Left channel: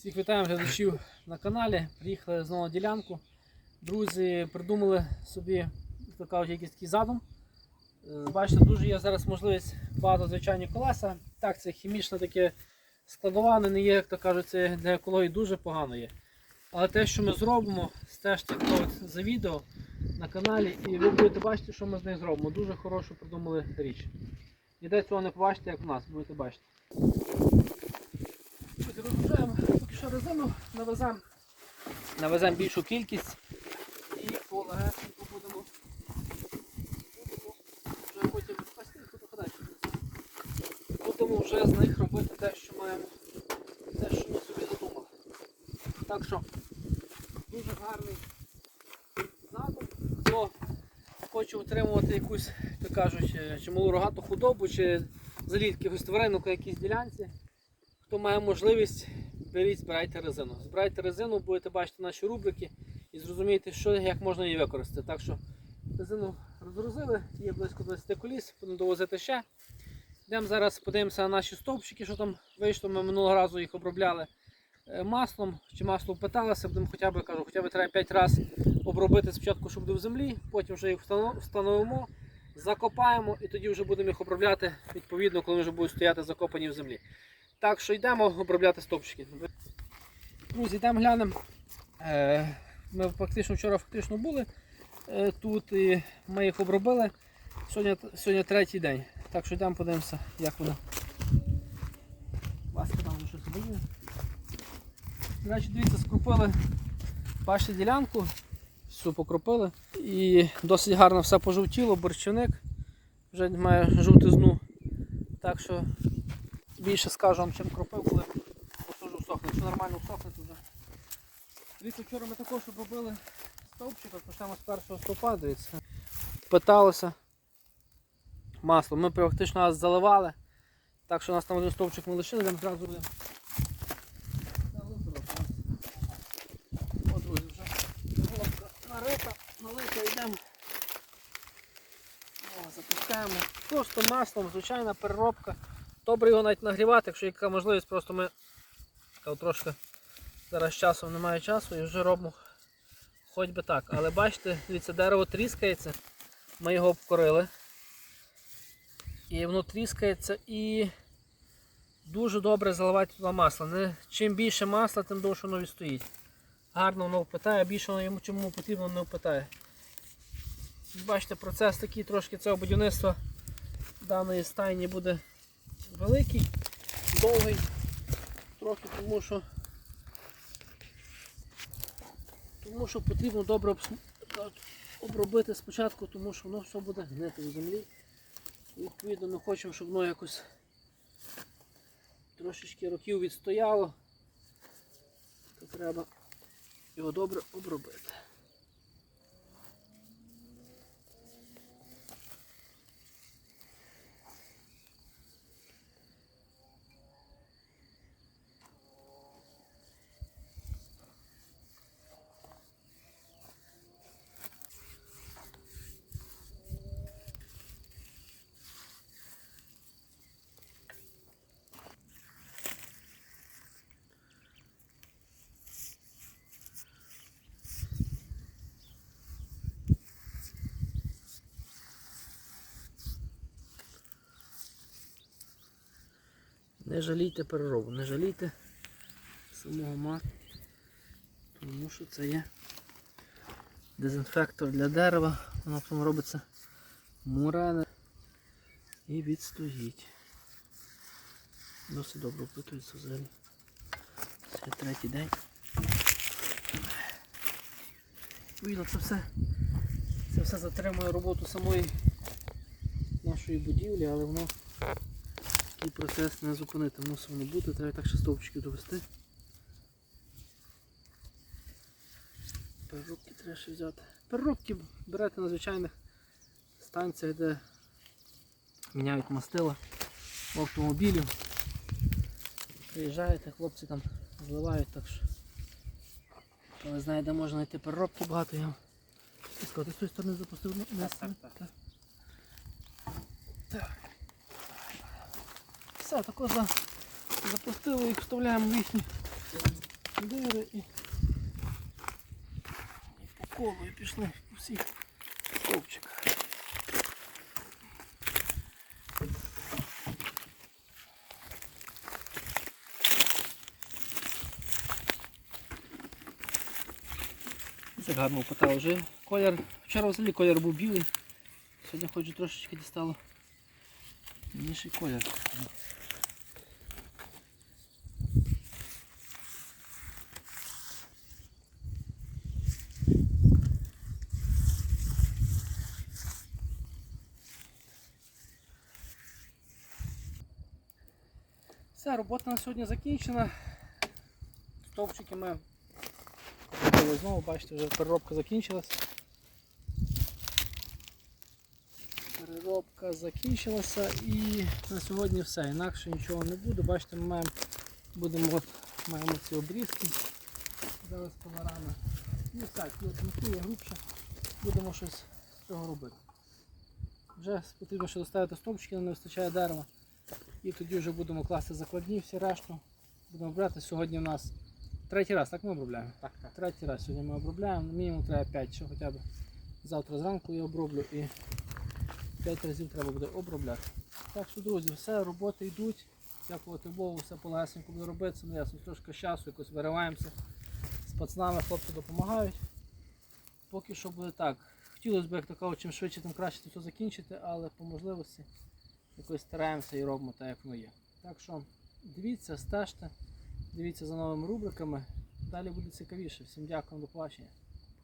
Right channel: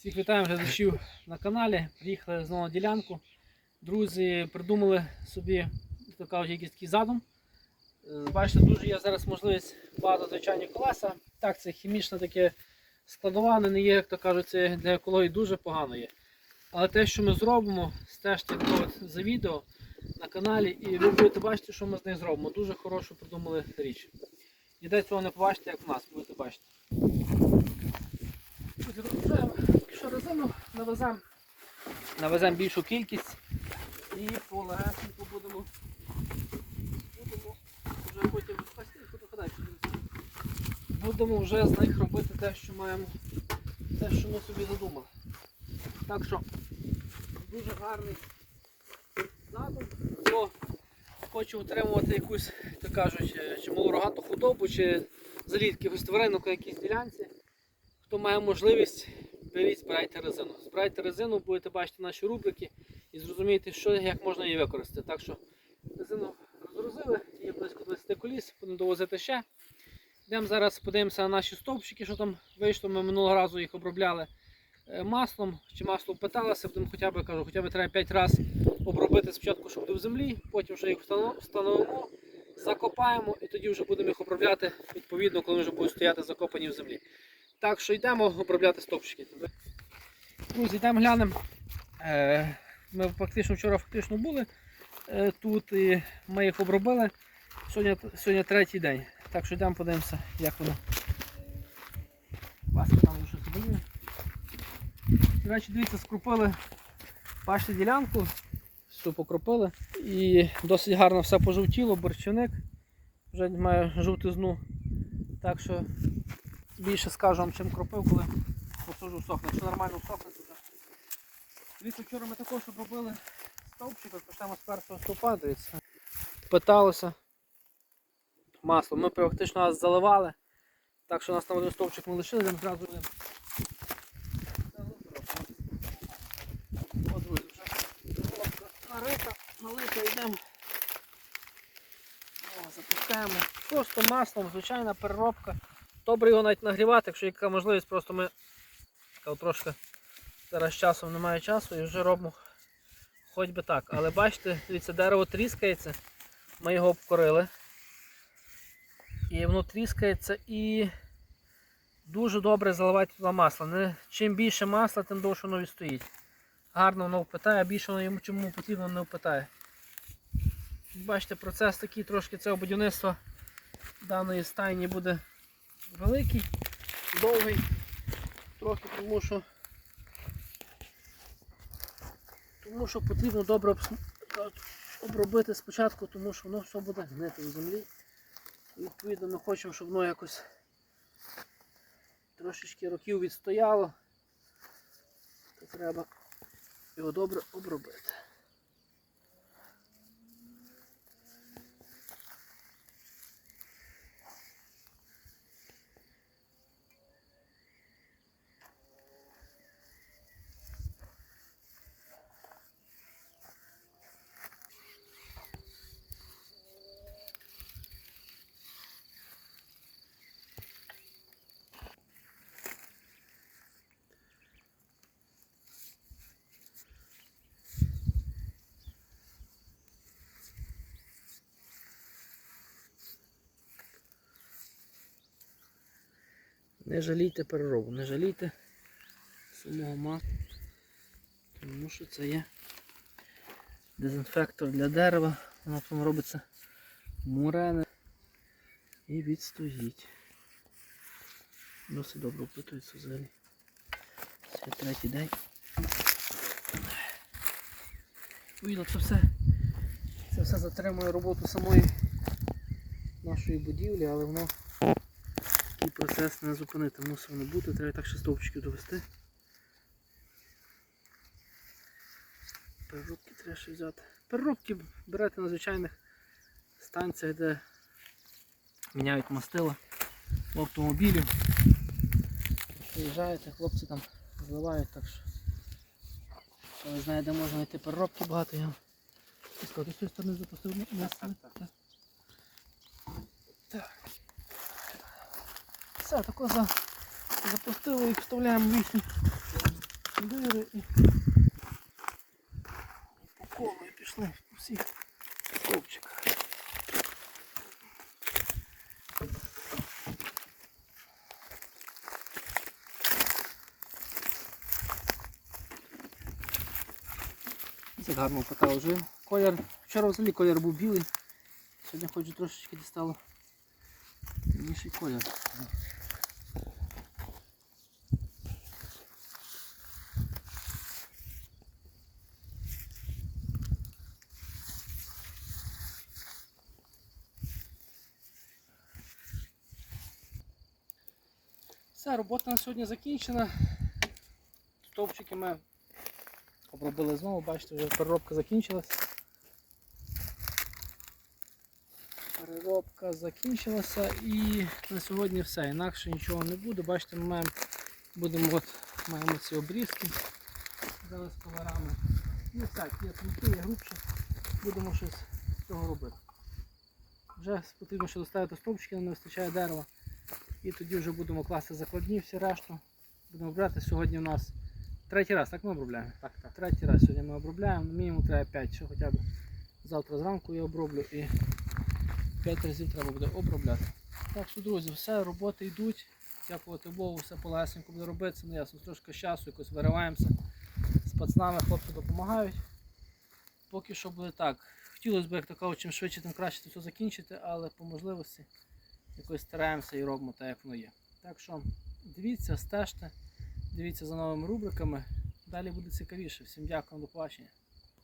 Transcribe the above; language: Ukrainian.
Всіх вітаємо глядачів на каналі. Приїхали знову на ділянку. Друзі придумали собі, кажуть, якийсь такий задум. Е, Бачите, дуже є зараз можливість багато звичайні колеса. Так, це хімічне таке складоване, не є, як то кажуть, це для екології дуже погано є. Але те, що ми зробимо, стежте за відео на каналі, і ви будете бачити, що ми з нею зробимо. Дуже хорошу придумали річ. Ніде цього не побачите, як в нас, будете бачити. Що резину, навеземо. Навеземо більшу кількість і полегесенько будемо. Будемо вже потім спасти. Будемо вже з них робити те, що маємо, те, що ми собі задумали. Так що дуже гарний задум. Хто хоче утримувати якусь, так кажуть, е, чи малу рогату худобу, чи якихось тваринок на якійсь ділянці. Хто має можливість, беріть, збирайте резину. Збирайте резину, будете бачити наші рубрики і зрозумієте, що як можна її використати. Так що резину розгрузили, є близько 20 коліс, будемо довозити ще. Йдемо зараз подивимося на наші стовпчики, що там вийшло. Ми минулого разу їх обробляли е, маслом. Чи масло питалося, будемо хоча б кажу, хоча б треба 5 разів обробити спочатку, щоб буде в землі, потім вже їх встановимо, закопаємо і тоді вже будемо їх обробляти відповідно, коли вже будуть стояти закопані в землі. Так що йдемо обробляти стовпчики. Друзі, йдемо глянемо. Е, Ми фактично вчора фактично були е, тут і ми їх обробили. Сьогодні, сьогодні третій день. Так що йдемо подивимося, як воно. Васка там щось боює. До речі, дивіться, скрупили бачите ділянку, всю покропили. І досить гарно все пожовтіло, борщаник вже має жовтизну. Так що більше скажу вам, чим кропив, коли посажу сохне. Якщо нормально сохне, то вже. Дивіться, вчора ми також обробили стовпчика, то саме з першого стовпа, дивіться. Питалося масло. Ми практично нас заливали. Так що у нас там один стовпчик не лишили, там зразу будемо. Налита, йдемо. О, запускаємо. Просто маслом, звичайна переробка. Добре його навіть нагрівати, якщо яка можливість, просто ми трошки зараз часом немає часу і вже робимо хоч би так. Але бачите, дивіться, дерево тріскається, ми його обкорили. І воно тріскається і дуже добре заливати туди масло. Не, чим більше масла, тим довше воно відстоїть. Гарно воно впитає, більше воно йому чому потрібно не впитає. Бачите, процес такий трошки цього будівництва даної стайні буде великий, довгий, трохи тому що тому що потрібно добре обробити спочатку, тому що воно все буде гнити в землі. І відповідно ми хочемо, щоб воно якось трошечки років відстояло, то треба його добре обробити. Не жалійте переробу, не жалійте самого масла, тому що це є дезінфектор для дерева, воно потім робиться мурене і відстоїть. Досить добре впитується взагалі. Це третій день. Відповідно, це все, це все затримує роботу самої нашої будівлі, але воно такий процес не зупинити, мусить воно бути, треба так ще стовпчиків довести. Переробки треба ще взяти. Переробки берете на звичайних станціях, де міняють мастила в автомобілів. Приїжджаєте, хлопці там зливають, так що. Ви знаєте, де можна знайти переробки багато його. Ти з тієї сторони запустив. Так. Все, тако за... запустили і вставляємо в їхню дири і, і по колу і пішли по всіх стовпчиках. Це гарно покатав вже. Колір, вчора взагалі колір був білий. Сьогодні хоч трошечки дістало інший колір. Все, робота на сьогодні закінчена. Стовпчики ми зробили знову, бачите, вже переробка закінчилась. Переробка закінчилася і на сьогодні все. Інакше нічого не буде. Бачите, ми маємо, будемо от, маємо ці обрізки зараз колорами. І так, є тонкі, є грубше. Будемо щось з цього робити. Вже потрібно ще доставити стовпчики, не вистачає дерева. І тоді вже будемо класти закладні, всі решту. Будемо брати. Сьогодні у нас третій раз, так ми обробляємо? Так, так. Третій раз сьогодні ми обробляємо. Мінімум треба 5, ще хоча б завтра зранку я оброблю і 5 разів треба буде обробляти. Так що, друзі, все, роботи йдуть. Дякувати Богу, все полегенько буде робитися. Ну ясно, трошки часу якось вириваємося. З пацанами хлопці допомагають. Поки що буде так. Хотілося б, як то кажуть, чим швидше, тим краще це все закінчити, але по можливості якось стараємося і робимо так, як воно є. Так що дивіться, стежте, дивіться за новими рубриками. Далі буде цікавіше. Всім дякую, до побачення.